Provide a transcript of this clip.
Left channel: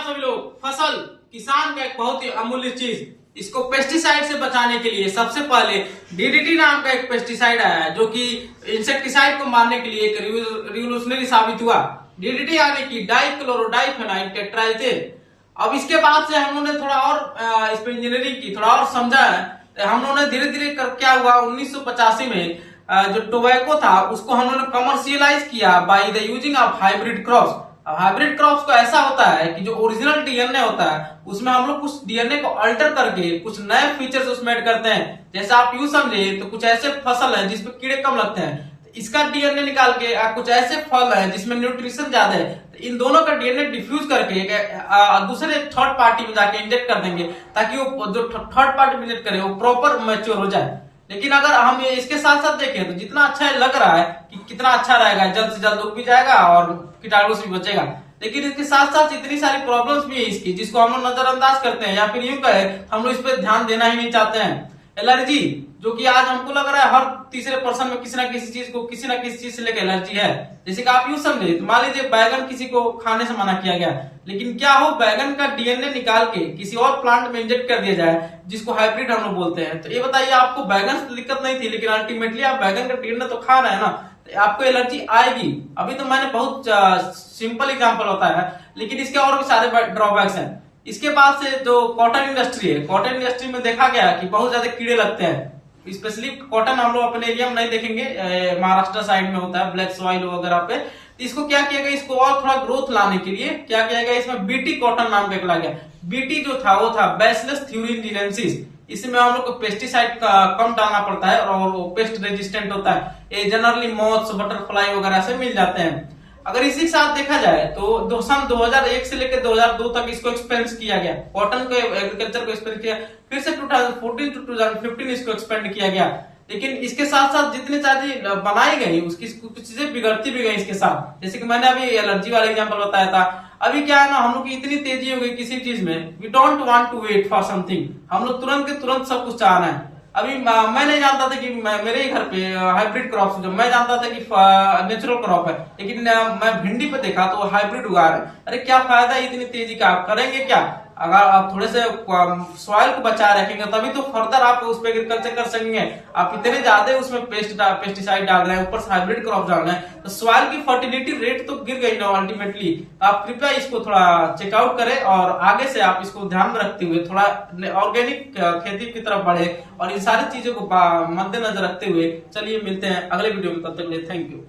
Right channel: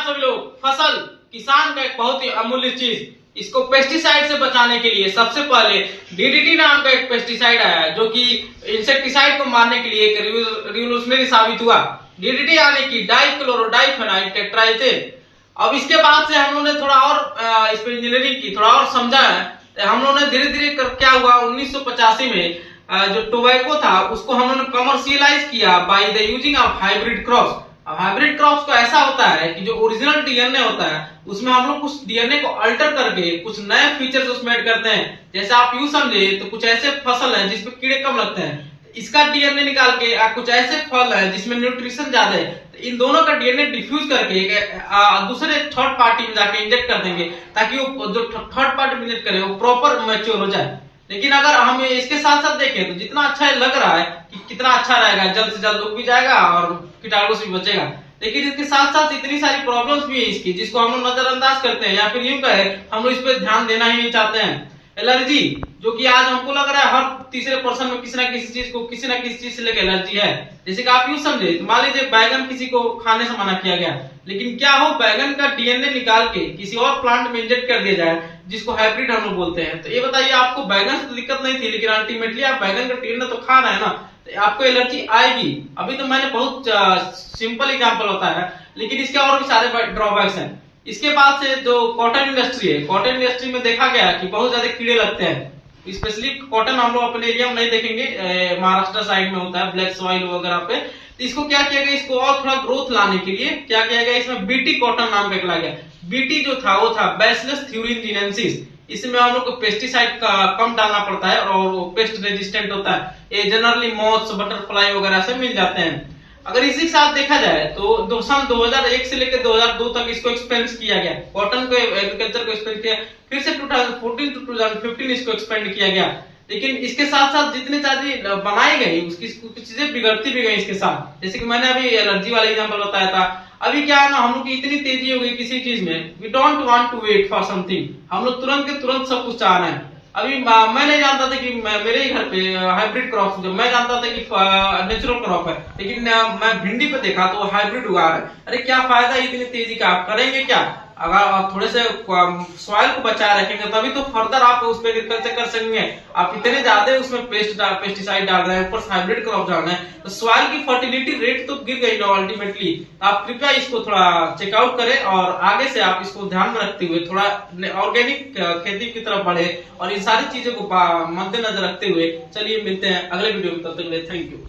आप सभी लोग, फसल किसान का एक बहुत ही अमूल्य चीज, इसको पेस्टिसाइड से बचाने के लिए सबसे पहले डीडीटी नाम का एक पेस्टिसाइड आया जो कि इंसेक्टिसाइड को मारने के लिए एक रिवोल्यूशनरी साबित हुआ। डीडीटी यानी कि डाइक्लोरोडाइफेनाइल टेट्राइथेन। अब इसके बाद से हम लोगों ने थोड़ा और इस पर इंजीनियरिंग की, थोड़ा और समझा है। हम लोगों ने धीरे धीरे कर क्या हुआ, 1985 में जो टोबैको था उसको हम लोगों ने कमर्शियलाइज किया by the using of hybrid crops. अब हाइब्रिड क्रॉप्स का ऐसा होता है कि जो ओरिजिनल डीएनए होता है उसमें हम लोग कुछ डीएनए को अल्टर करके कुछ नए फीचर्स उसमें ऐड करते हैं। जैसे आप यूं समझे तो कुछ ऐसे फसल है जिसमें कीड़े कम लगते हैं, इसका डीएनए निकाल के कुछ ऐसे फल है जिसमें न्यूट्रिशन ज्यादा है, तो इन दोनों का डीएनए डिफ्यूज करके दूसरे थर्ड पार्टी में जाके इंजेक्ट कर देंगे ताकि वो जो थर्ड पार्टी में इंजेक्ट करे वो प्रॉपर मैच्योर हो जाए। लेकिन अगर हम इसके साथ साथ देखें तो जितना अच्छा लग रहा है कि कितना अच्छा रहेगा, जल्द से जल्द उग भी जाएगा और कीटाणु से भी बचेगा, लेकिन इसके साथ साथ इतनी सारी प्रॉब्लम्स भी है इसकी जिसको हम लोग नजरअंदाज करते हैं या फिर यूं कहे हम लोग इस पर ध्यान देना ही नहीं चाहते हैं। एलर्जी, जो कि आज हमको लग रहा है हर तीसरे पर्सन में किसी ना किसी चीज को किसी ना किसी चीज से लेकर एलर्जी है। जैसे कि आप यूं समझे, मान लीजिए बैगन किसी को खाने से मना किया गया, लेकिन क्या हो बैगन का डीएनए निकाल के किसी और प्लांट में इंजेक्ट कर दिया जाए जिसको हाइब्रिड हम लोग बोलते हैं, तो ये बताइए आपको बैगन से तो दिक्कत नहीं थी, लेकिन अल्टीमेटली आप बैगन का डीएनए तो खा रहे हैं ना, तो आपको एलर्जी आएगी। अभी तो मैंने बहुत सिंपल एग्जांपल होता है, लेकिन इसके और भी सारे ड्रॉबैक्स हैं। इसके बाद से जो कॉटन इंडस्ट्री है, कॉटन इंडस्ट्री में देखा गया कि बहुत ज्यादा कीड़े लगते हैं। स्पेशली कॉटन हम लोग अपने एरिया में नहीं देखेंगे, महाराष्ट्र साइड में होता है ब्लैक सॉइल वगैरह पे। तो इसको क्या किया गया, इसको और थोड़ा ग्रोथ लाने के लिए क्या किया गया, इसमें बीटी कॉटन नाम का एक लाया गया। बीटी जो था वो था बैसिलस थ्यूरिनजिनेंसिस। इसमें हम लोग को पेस्टिसाइड कम डालना पड़ता है और वो पेस्ट रेजिस्टेंट होता है। ये जनरली मॉथ्स, बटरफ्लाई वगैरह से मिल जाते हैं। अगर इसी के साथ देखा जाए तो सन 2001 से लेकर 2002 तक इसको एक्सपेंड किया गया, कॉटन को एग्रीकल्चर को एक्सपेंड किया, फिर से 2014 टू 2015 इसको एक्सपेंड किया गया। लेकिन इसके साथ साथ जितनी चीजें बनाई गई उसकी कुछ चीजें बिगड़ती भी गई इसके साथ। जैसे कि मैंने अभी एलर्जी वाला एग्जांपल बताया था। अभी क्या है ना, हम लोग की इतनी तेजी हो गई किसी चीज में, we don't want to wait for something, हम लोग तुरंत के तुरंत सब कुछ चाह रहे हैं। अभी मैं नहीं जानता था कि मेरे ही घर पे हाइब्रिड क्रॉप, जो मैं जानता था कि नेचुरल क्रॉप है, लेकिन मैं भिंडी पे देखा तो हाइब्रिड उगा रहे। अरे क्या फायदा इतनी तेजी का, आप करेंगे क्या? अगर आप थोड़े से सॉइल को बचाए रखेंगे तभी तो फर्दर आप उस पर एग्रीकल्चर कर सकेंगे। आप इतने ज्यादा उसमें पेस्टिसाइड डाल रहे हैं, ऊपर हाइब्रिड क्रॉप डाल रहे हैं, तो सॉइल की फर्टिलिटी रेट तो गिर गई ना अल्टीमेटली। आप कृपया इसको थोड़ा चेकआउट करें और आगे से आप इसको ध्यान में रखते हुए थोड़ा ऑर्गेनिक खेती की तरफ बढ़े और इन सारी चीजों को मद्देनजर रखते हुए चलिए मिलते हैं अगले वीडियो में। तब तक के लिए थैंक यू।